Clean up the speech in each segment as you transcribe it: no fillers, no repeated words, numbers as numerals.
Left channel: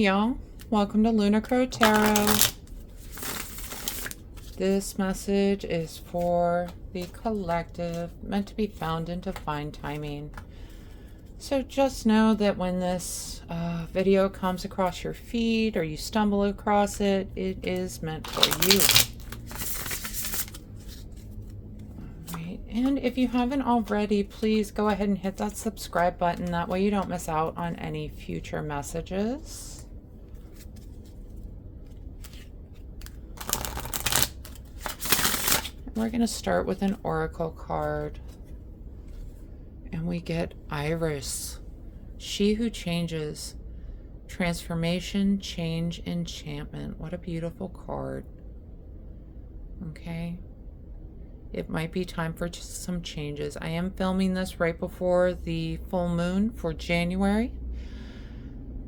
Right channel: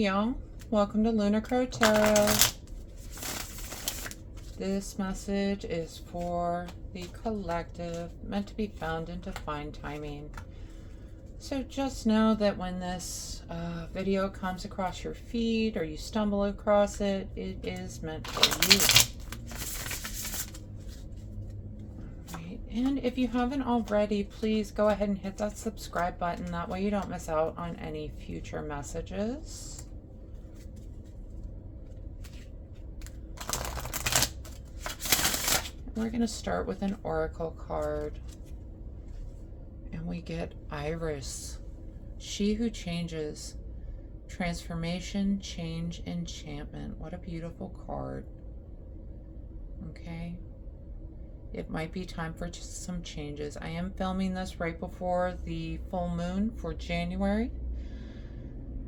y'all. Welcome to Lunar Tarot. This message is for the collective, meant to be found in divine timing. So just know that when this video comes across your feed or you stumble across it, it is meant for you. And if you haven't already, please go ahead and hit that subscribe button. That way you don't miss out on any future messages. And we're going to start with an oracle card. And we get Iris. She who changes. Transformation, change, enchantment. What a beautiful card. Okay. It might be time for some changes. I am filming this right before the full moon for January.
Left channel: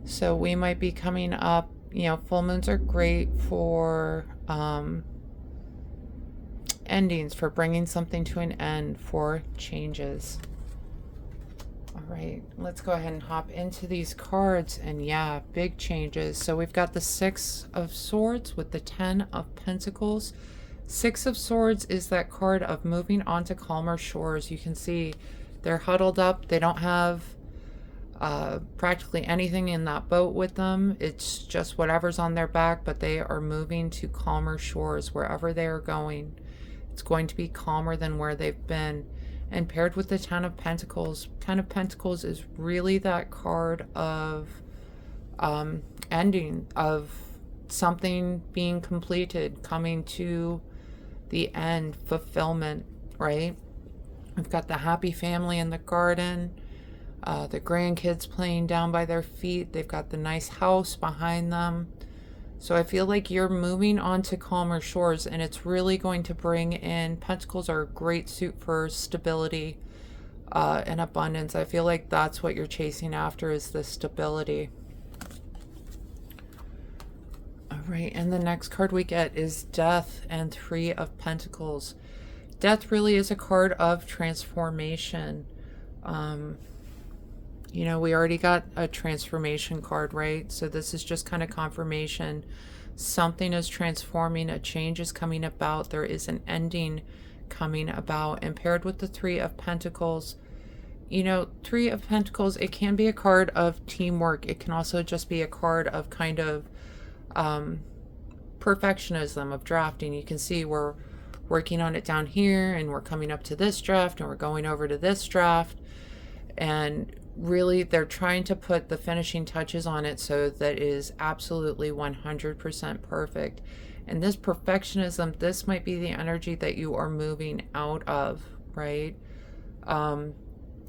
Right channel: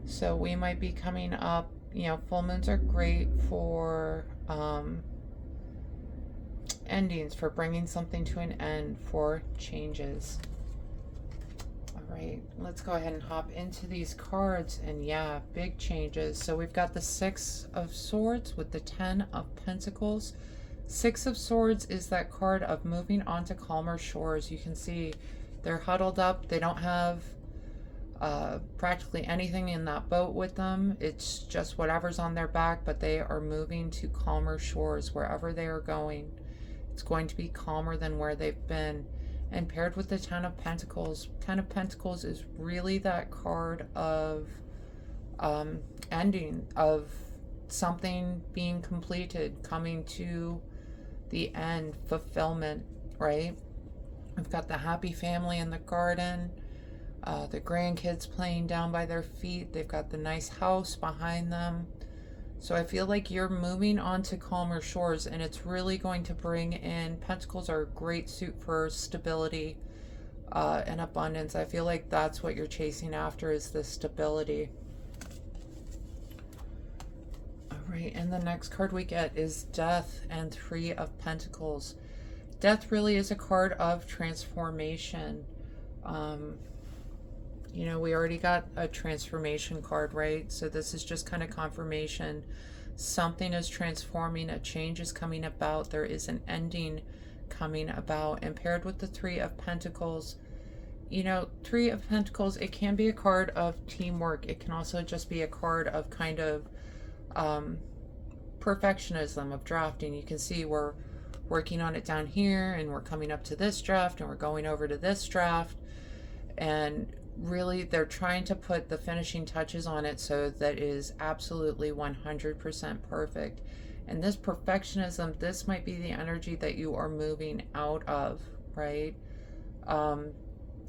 So we might be coming up, you know, full moons are great for endings, for bringing something to an end, for changes. All right, let's go ahead and hop into these cards. And yeah, big changes. So we've got the Six of Swords with the Ten of Pentacles. Six of Swords is that card of moving on to calmer shores. You can see they're huddled up. They don't have practically anything in that boat with them. It's just whatever's on their back, but they are moving to calmer shores wherever they are going. It's going to be calmer than where they've been. And paired with the Ten of Pentacles is really that card of ending, of something being completed, coming to the end, fulfillment, right? We've got the happy family in the garden, the grandkids playing down by their feet. They've got the nice house behind them. So I feel like you're moving on to calmer shores, and it's really going to bring in, Pentacles are a great suit for stability and abundance. I feel like that's what you're chasing after, is the stability. Right, and the next card we get is Death and Three of Pentacles. Death really is a card of transformation. You know, we already got a transformation card, right? So this is just kind of confirmation. Something is transforming, a change is coming about, there is an ending coming about. And paired with the Three of Pentacles, you know, Three of Pentacles, it can be a card of teamwork. It can also just be a card of kind of perfectionism, of drafting. You can see we're working on it down here, and we're coming up to this draft, and we're going over to this draft, and really they're trying to put the finishing touches on it so that it is absolutely 100% perfect. And this perfectionism, this might be the energy that you are moving out of, right?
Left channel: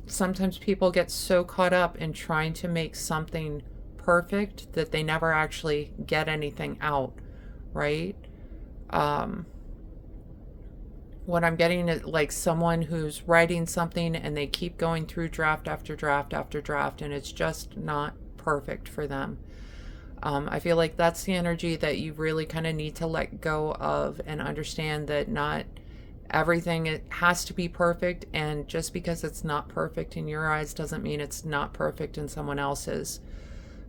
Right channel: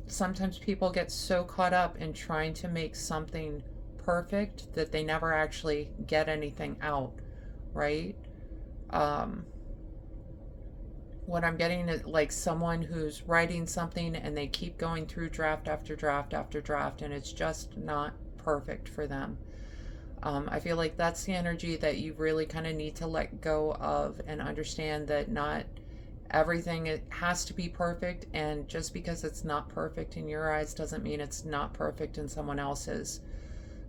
Sometimes people get so caught up in trying to make something perfect that they never actually get anything out, right? What I'm getting is like someone who's writing something and they keep going through draft after draft after draft, and it's just not perfect for them. I feel like that's the energy that you really kind of need to let go of, and understand that not everything, it has to be perfect, and just because it's not perfect in your eyes doesn't mean it's not perfect in someone else's.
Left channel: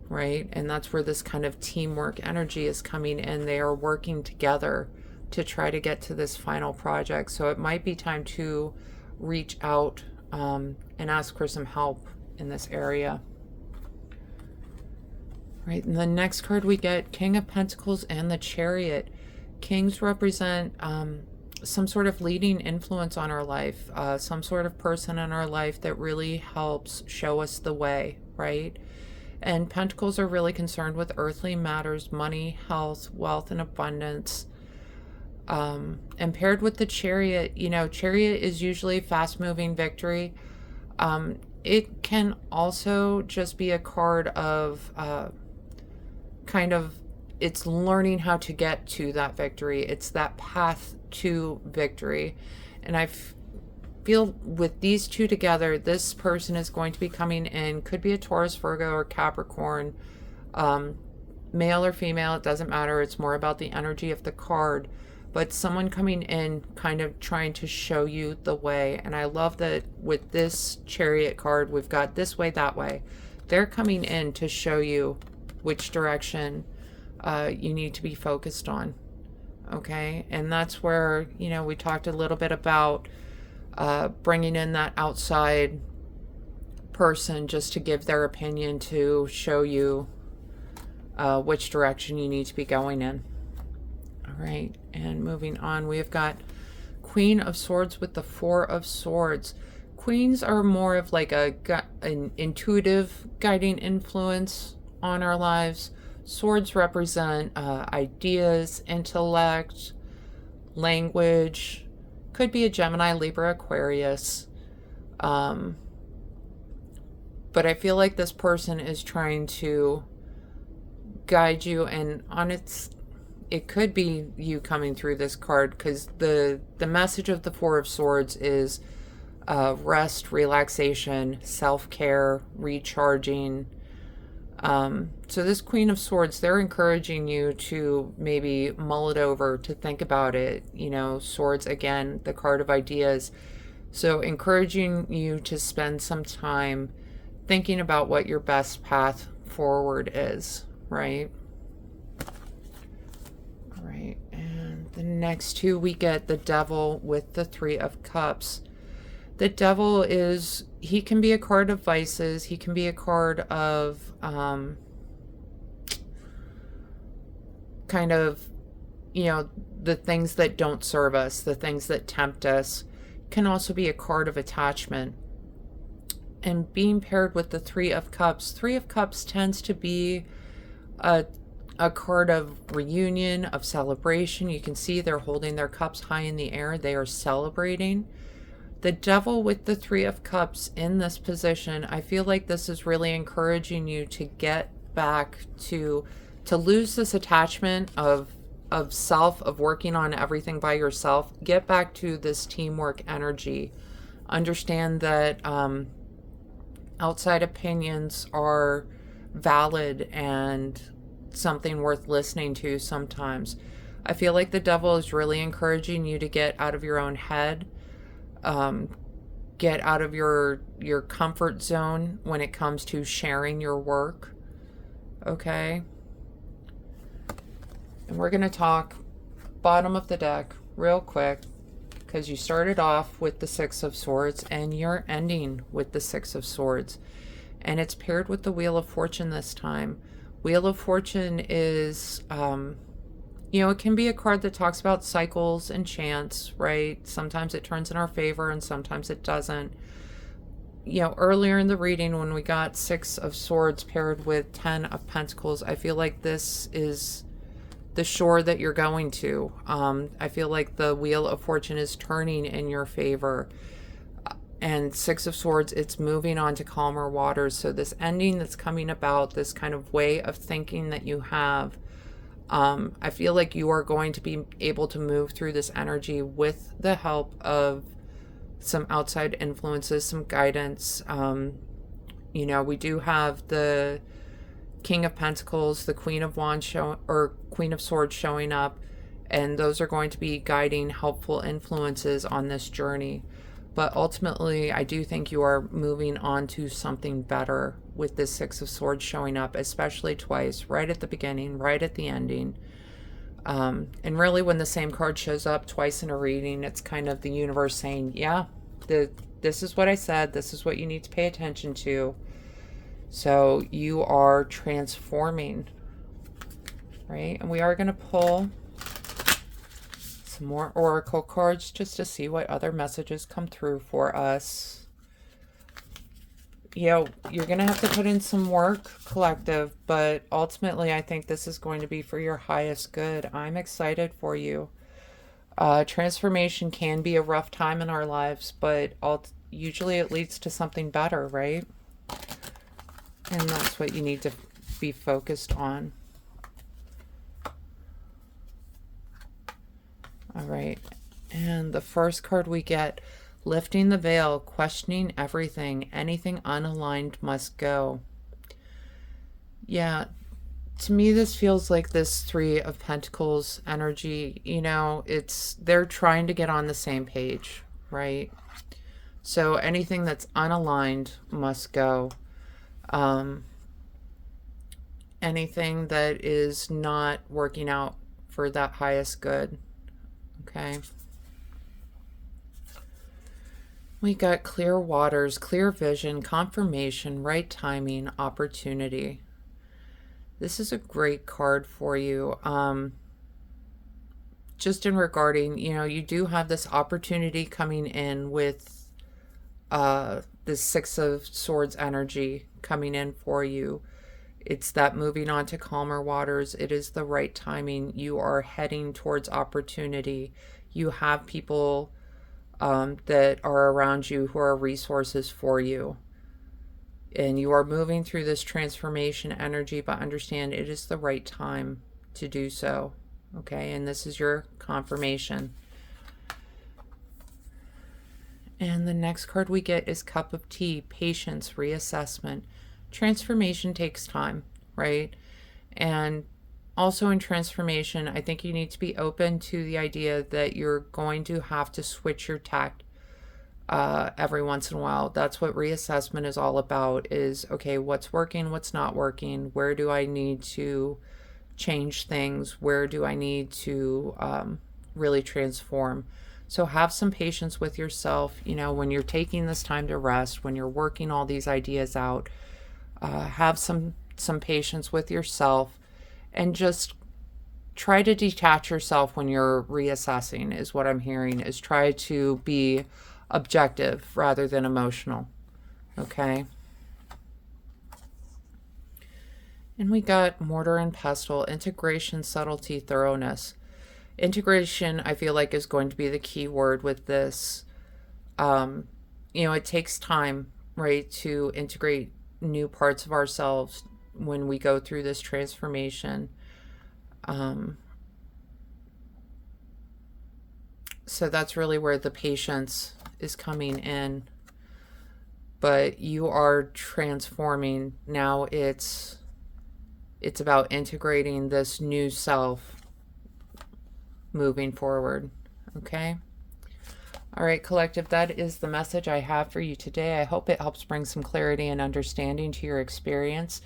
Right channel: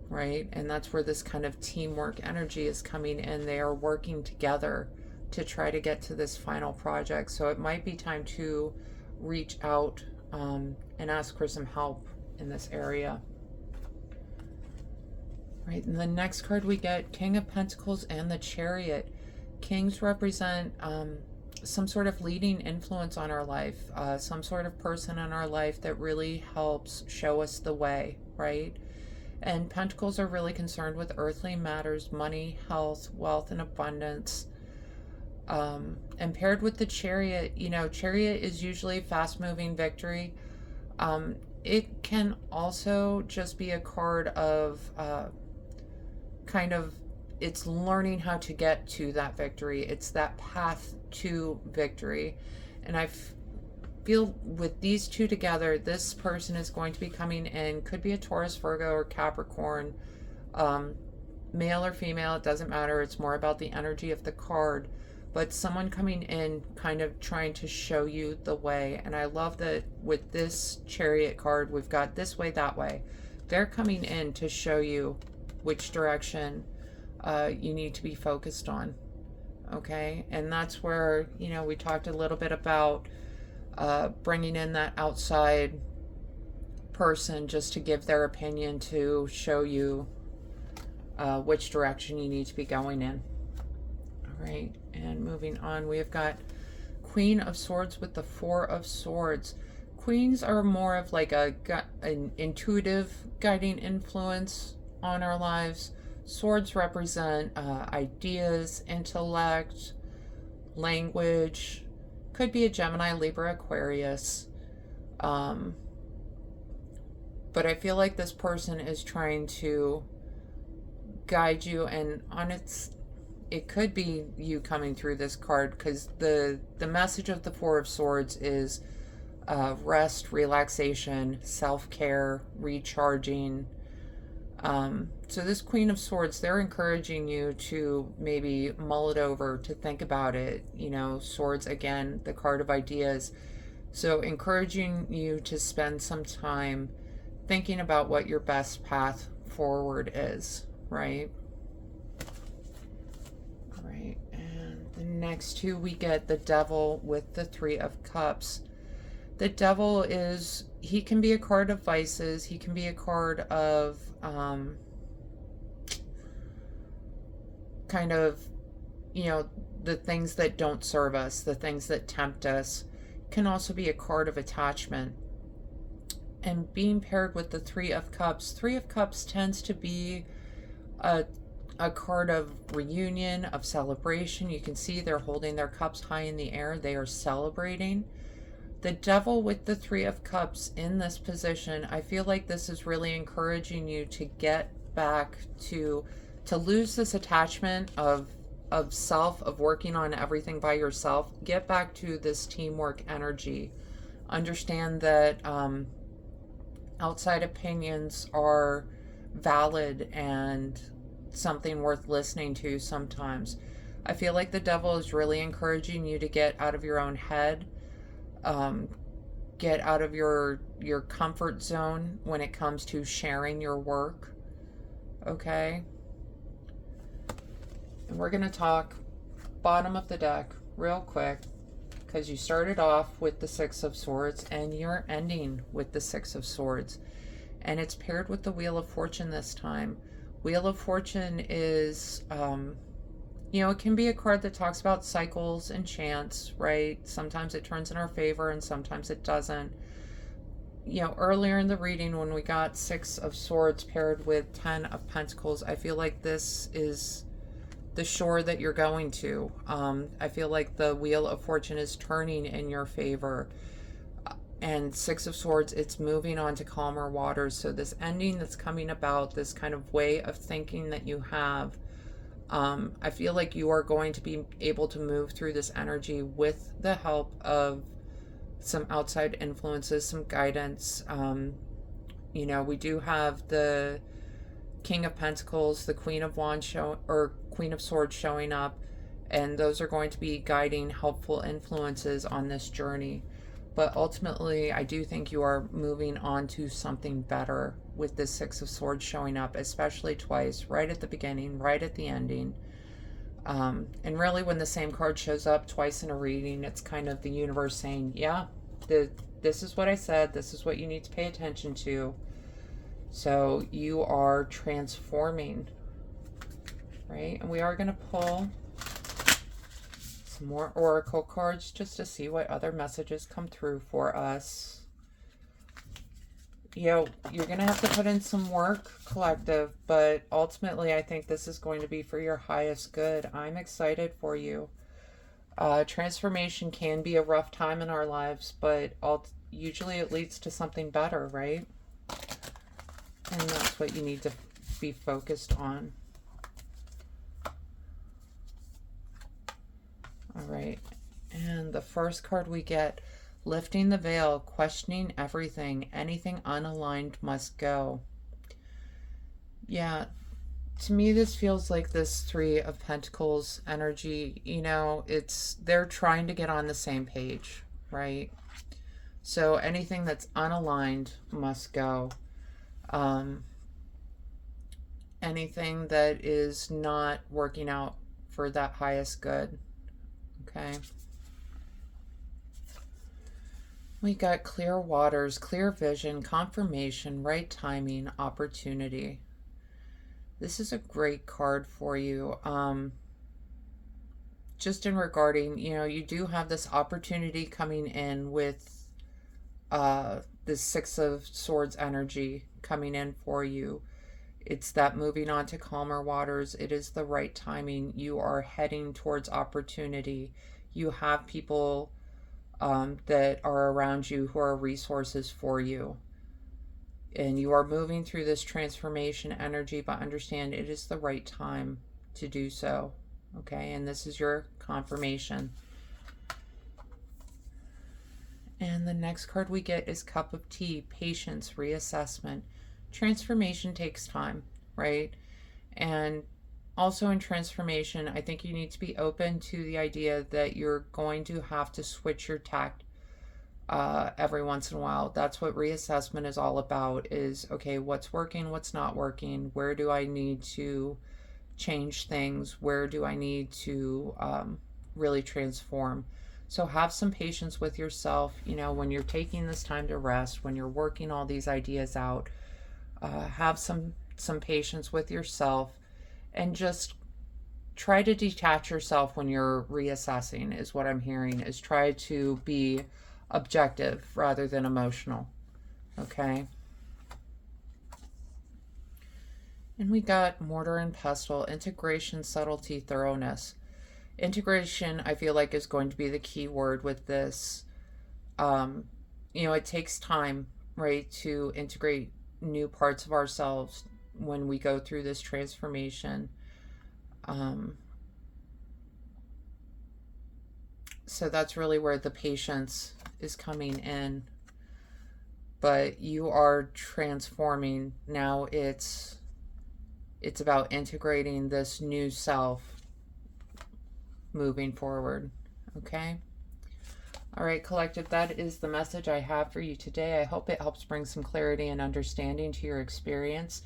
Right? And that's where this kind of teamwork energy is coming in. They are working together to try to get to this final project. So it might be time to reach out and ask for some help in this area. Right, and the next card we get, King of Pentacles and the Chariot. Kings represent some sort of leading influence on our life, some sort of person in our life that really helps show us the way, right? And Pentacles are really concerned with earthly matters, money, health, wealth, and abundance. And paired with the Chariot, you know, Chariot is usually fast-moving victory. It can also just be a card of kind of, it's learning how to get to that victory. It's that path to victory. And I feel with these two together, this person is going to be coming in, could be a Taurus, Virgo, or Capricorn, male or female, it doesn't matter. It's more about the energy of the card, but someone coming in kind of trying to show you the way. And I love that with this Chariot card, we've got this way, that way. They're coming in to show you which direction you need to be focused on. Okay, and that's where, you know, we talked a little bit about bringing in that outside person just to give their opinion to show you which direction you need to be going in. All right, and moving on, we've got Queen of Swords with the Four of Swords. Queens are more of like an intuitive guiding influence on our lives. Swords represent ideas, intellect, language. Could be a Gemini, Libra, Aquarius. But I feel like this person is trying to guide you, and it could be you coming through this card, because the message of the Four of Swords is rest, relaxation, self-care, recharging. So this Queen of Swords, they're encouraging you to maybe mull it over, to think about it. You know, swords, again, the card of ideas. So encouraging you to spend some time thinking about what your best path forward is, right? Right, and the next two, we get the Devil with the Three of Cups. The Devil he can be a card of vices. He can be a card of kind of, you know, the things that don't serve us, the things that tempt us. Can also be a card of attachment. And being paired with the Three of Cups tends to be a card of reunion, of celebration. You can see they're holding their cups high in the air. They are celebrating. The Devil with the Three of Cups in this position, I feel like this is really encouraging you to get back to lose this attachment of self, of working on everything by yourself. Get back to this teamwork energy. Understand that outside opinions are valid and something worth listening to sometimes. I feel like the Devil is really encouraging you to get out of your own head. Get out of your comfort zone when it comes to sharing your work. Okay? And we're going to talk bottom of the deck real quick, because you started off with the Six of Swords and you're ending with the Six of Swords. And it's paired with the Wheel of Fortune this time. Wheel of Fortune is, you know, it can be a card that talks about cycles and chance, right? Sometimes it turns in our favor and sometimes it doesn't. You know, earlier in the reading when we got Six of Swords paired with 10 of Pentacles, I feel like this is the shore that you're going to. I feel like the Wheel of Fortune is turning in your favor. And Six of Swords, it's moving on to calmer waters. So this ending that's coming about, this kind of way of thinking that you have, I feel like you are going to be able to move through this energy with the help of some outside influences, some guidance. You know, we do have the King of Pentacles, the Queen of Wands Queen of Swords showing up, and those are going to be guiding, helpful influences on this journey. But ultimately, I do think you are moving on to something better with this Six of Swords showing up, especially twice, right at the beginning, right at the ending. And really, when the same card shows up twice in a reading, it's kind of the universe saying, yeah, this is what I said, this is what you need to pay attention to. So you are transforming, right? And we are going to pull some more oracle cards just to see what other messages come through for us. You know, you're going to have to put in some work, collective, but ultimately I think this is going to be for your highest good. I'm excited for you. Transformation can be a rough time in our lives, but usually it leads to something better, right? And that's what you need to be focused on. All right, and the first card we get, lifting the veil, questioning everything, anything unaligned must go. Yeah, to me this feels like this Three of Pentacles energy. You know, they're trying to get on the same page, right? So anything that's unaligned must go. anything that is not working out for that highest good. Okay. We got clear waters, clear vision, confirmation, right timing, opportunity. This is a great card for you. Just in regarding, you do have this opportunity coming in with this Six of Swords energy coming in for you. It's that moving on to calmer waters. It is the right timing. You are heading towards opportunity. You have people that are around you who are resources for you. And you are moving through this transformation energy, but understand it is the right time to do so. Okay, and this is your confirmation. And the next card we get is Cup of Tea, patience, reassessment. Transformation takes time, right? And also in transformation, I think you need to be open to the idea that you're going to have to switch your tact every once in a while. That's what reassessment is all about, is, okay, what's working, what's not working, where do I need to change things, where do I need to really transform. So have some patience with yourself, when you're taking this time to rest, when you're working all these ideas out. Have some patience with yourself, and just try to detach yourself when you're reassessing, is what I'm hearing, is try to be objective rather than emotional. Okay. And we got mortar and pestle, integration, subtlety, thoroughness. Integration, I feel like, is going to be the key word with this. It takes time, right, to integrate new parts of ourselves when we go through this transformation. So that's really where the patience is coming in. But you are transforming. Now it's about integrating this new self moving forward. Okay? All right, collective, that is the message I have for you today. I hope it helps bring some clarity and understanding to your experience.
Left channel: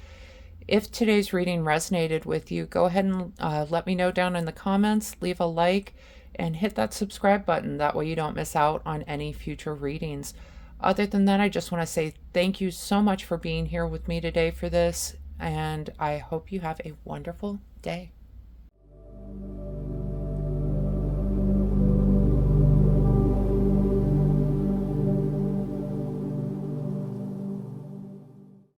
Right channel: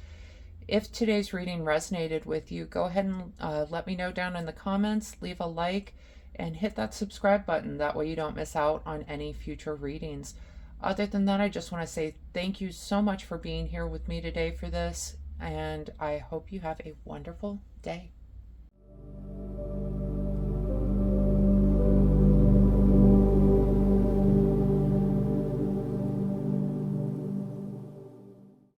If today's reading resonated with you, go ahead and let me know down in the comments, leave a like, and hit that subscribe button. That way you don't miss out on any future readings. Other than that, I just want to say thank you so much for being here with me today for this, and I hope you have a wonderful day.